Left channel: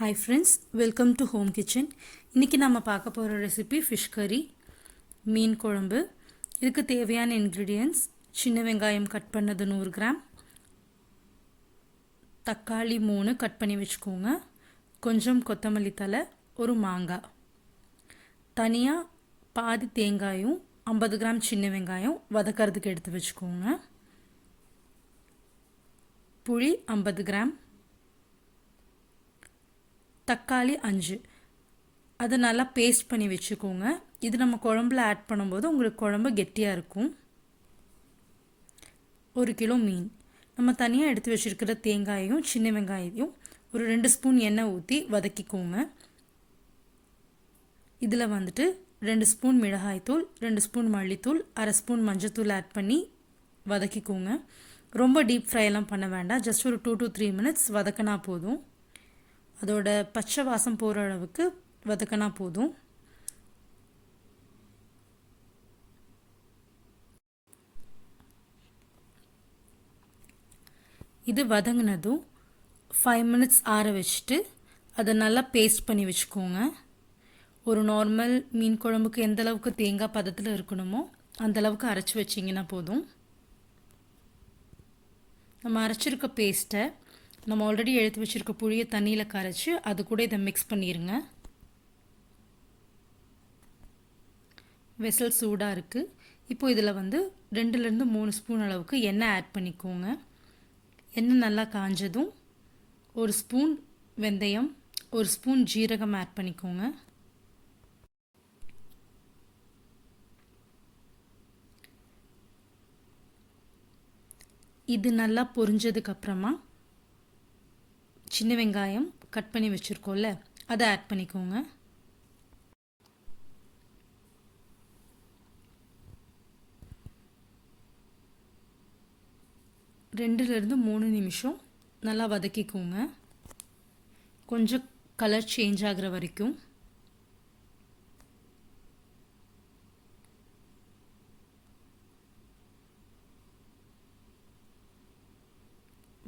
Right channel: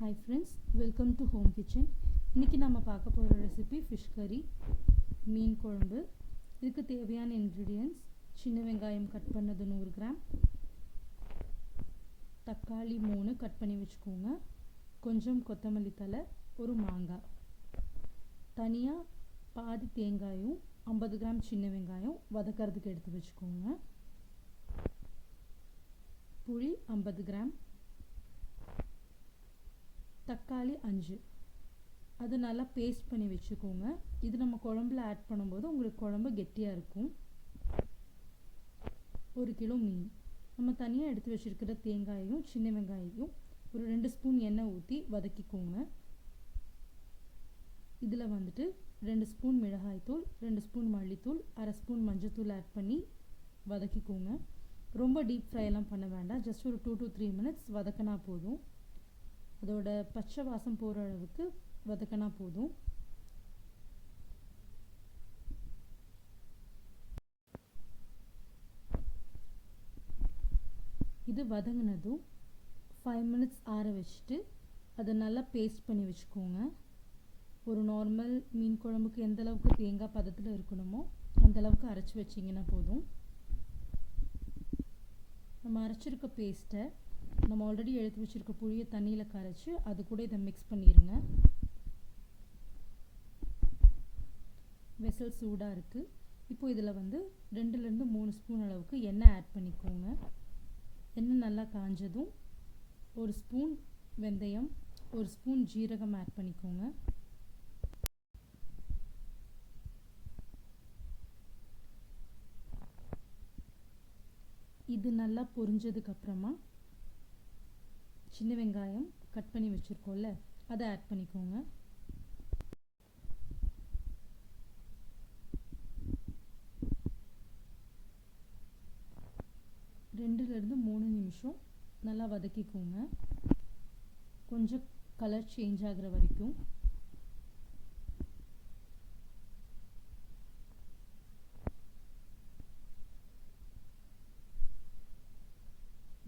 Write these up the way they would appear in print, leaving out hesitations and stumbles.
Hi friends, welcome to home kitchen. இன்னைக்கு நாம பார்க்க போற ரெசிபி fish curry, மீன் குழம்பு. இதுக்கு தேவையான ingredients: சின்ன வெங்காயம் கட் பண்ணது 100 கிராம், தக்காளி 3 கட் பண்ணி வெச்சுக்கோங்க, கொஞ்சம் கொத்தமல்லி தழை, ஒரு மாங்காய். தனியா பாதி தேங்காயும் 50 கிராம் சின்ன வெங்காயம் வதக்கிறதுக்கு எடுத்து வெச்சுக்கோங்க. புளி 50 கிராம், தக்காளி 5, அதை நல்லா பேஸ்ட் பண்ணி வச்சுக்கோங்க. இது நம்ம குழம்புல ஆட் பண்ணும்போது உங்களுக்கு குழம்பு கெட்டியாக இருக்கும். 1 கிலோ மீன். நம்ம தனியாக எடுத்து வச்சுருக்கிற தேங்காயையும் சின்ன வெங்காயத்தையும் ஒரு 2 ஸ்பூன் எண்ணெய் ஊற்றி வதக்கிக்கோங்க. இதில் 2 ஸ்பூன் மிளகாய்த்தூள், 2 ஸ்பூன் மல்லித்தூள், 1/2 ஸ்பூன் மஞ்சத்தூள் ஆட் பண்ணி வதக்கிக்கோங்க. ரொம்ப டீப் ஃப்ரைலாம் பண்ண வேண்டாம், ஜஸ்ட் ஒரு 2 to 3 மினிட்ஸ் வதக்கினா போதும். அதோட பச்சை வாசம் போகிற அளவுக்கு வதக்கினா போதும். இது வதங்கினதும் 5 மினிட்ஸ் ஆற வச்சுட்டு அதை நல்லா பேஸ்ட் பண்ணி வச்சுக்கோங்க. ஒரு நார்மல் மீன் குழம்புக்கு எந்த அளவுக்கு தேங்காய் பதத்தில் இருக்கணுமோ அந்த அளவுக்கு அரைச்சி வச்சிங்கன்னா போதும். நம்ம அரைச்சிருக்க பேஸ்ட்டை நம்ம ஆல்ரெடி எடுத்து வச்சுருக்க புளியை தண்ணியில் கரைச்சி அது கூட இதை மிக்ஸ் பண்ணிடுங்க. வெசல் சூடாக இருக்குது. இப்போது இதில் 2லேருந்து 3 ஸ்பூன் அளவுக்கு எண்ணெய் ஆட் பண்ணிக்கோங்க. எண்ணெய் நல்லா காஞ்சதும் 1 ஸ்பூன் வெந்தயம், 1 ஸ்பூன் ஜீரகம் ஆட் பண்ணிக்கோங்க. இது நல்லா பொரிஞ்சதுக்கப்புறமா சின்ன வெங்காயம் கட் பண்ணி வச்சுருக்கோம்ல அதை ஆட் பண்ணிக்கோங்க. ரெண்டுலேருந்து 3 நிமிஷம் நல்லா வதக்கிக்கோங்க, கொஞ்சம் கலர் சேஞ்ச் ஆகிற வரைக்கும்.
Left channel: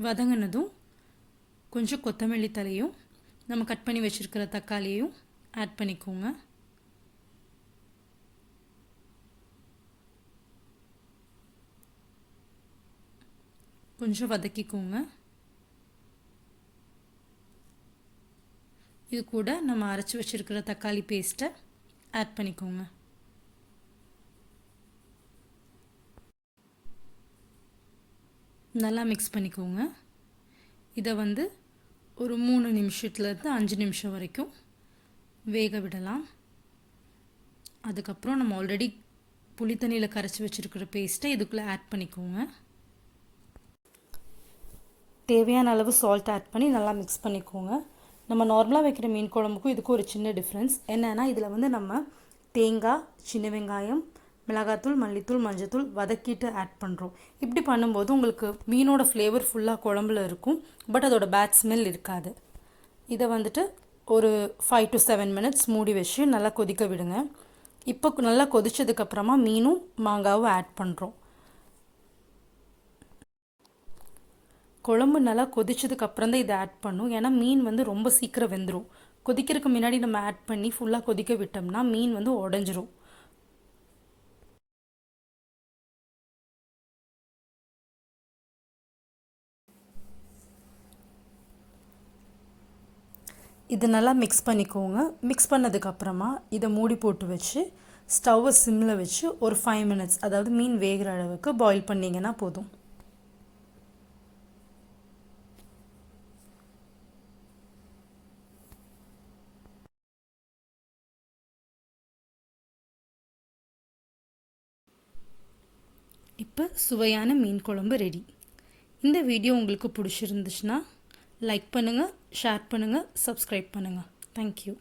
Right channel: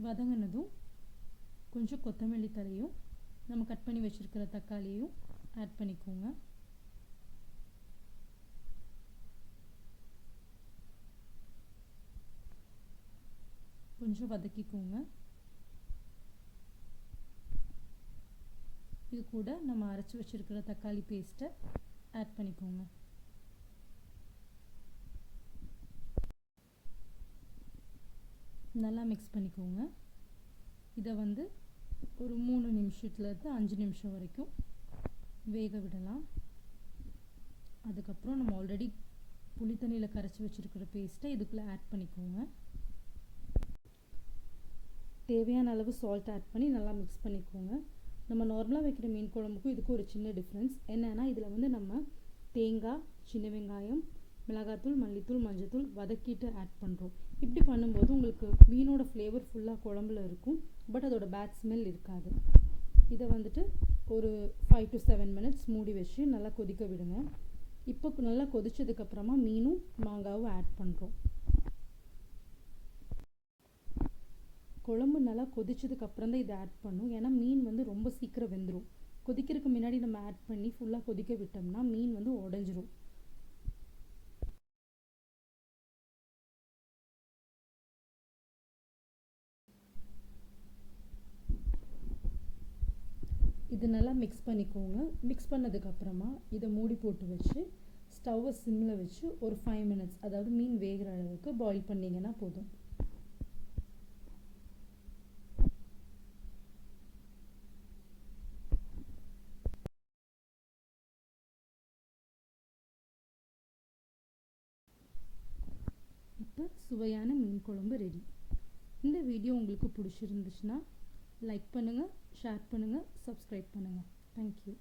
வதங்கினதும் கொஞ்சம் கொத்தமல்லி தழையும் நம்ம கட் பண்ணி வச்சுருக்கிற தக்காளியையும் ஆட் பண்ணிக்கோங்க. கொஞ்சம் வதக்கிக்கோங்க. இது கூட நம்ம அரைச்சி வச்சுருக்கிற தக்காளி பேஸ்ட்டை ஆட் பண்ணிக்கோங்க. நல்லா மிக்ஸ் பண்ணிக்கோங்க. இதை ஒரு 3 நிமிஷத்துலேருந்து 5 நிமிஷம் வரைக்கும் வேக விடலாம். அதுக்கப்புறம் நம்ம ஆல்ரெடி புளி தண்ணியில் கரைச்சி வச்சுருக்கிற பேஸ்ட்டை இதுக்குள்ளே ஆட் பண்ணிக்கோங்க. தேவையான அளவு சால்ட் ஆட் பண்ணி நல்லா மிக்ஸ் பண்ணிக்கோங்க. நம்ம நார்மலாக வைக்கிற மீன் குழம்புக்கும் இதுக்கும் ஒரு சின்ன டிஃப்ரென்ஸ் என்னென்னா, இதில் நம்ம தேங்காய், சின்ன வெங்காயம், மிளகாத்தூள், மல்லித்தூள், மஞ்சத்தூள் வதக்கிட்டு ஆட் பண்ணுறோம். இப்படி பண்ணும்போது உங்களுக்கு மீனோட ஃப்ளேவர் ஃபுல்லாக குழம்புல இருக்கும், பட் அதோட பேட் ஸ்மெல் இருக்காது. இதை ஒரு 5 to 7 மினிட்ஸ் மூடி வச்சு நல்லா கொதிக்க விடுங்க. இப்போ நல்லா கொதிச்சதுக்கப்புறமா மீனும் மாங்காவும் ஆட் பண்ணுறோம். குழம்பு நல்லா கொதிச்சதுக்கப்புறம் தான் இதை ஆட் பண்ணும், ஏன்னா மீன் ரொம்ப சீக்கிரம் வெந்துடும். கொதிக்கிறதுக்கு முன்னாடி நம்ம ஆட் பண்ணி ஃபுல்லாக கொதிக்க விட்டோம்னா மீன் உடஞ்சிரும். இது நல்லா மிக்ஸ் பண்ணிக்கோங்க. மிக்ஸ் பண்ணதுக்கப்புறமா இதை மூடி போட்டு வச்சு ஸ்டவ்வை சிம்மில் வச்சு ஒரு 5 மினிட்ஸ், அதாவது மீன் வேகிற அளவுக்கு பாயில் பண்ணிங்கன்னா போதும். இப்போ சுவையான மீன் குழம்பு ரெடி. இந்த வீடியோ உங்களுக்கு பிடிச்சிருந்துச்சுன்னா லைக் பண்ணுங்கள், ஷேர் பண்ணுங்கள், சப்ஸ்கிரைப் பண்ணுங்கள். தேங்க்யூ.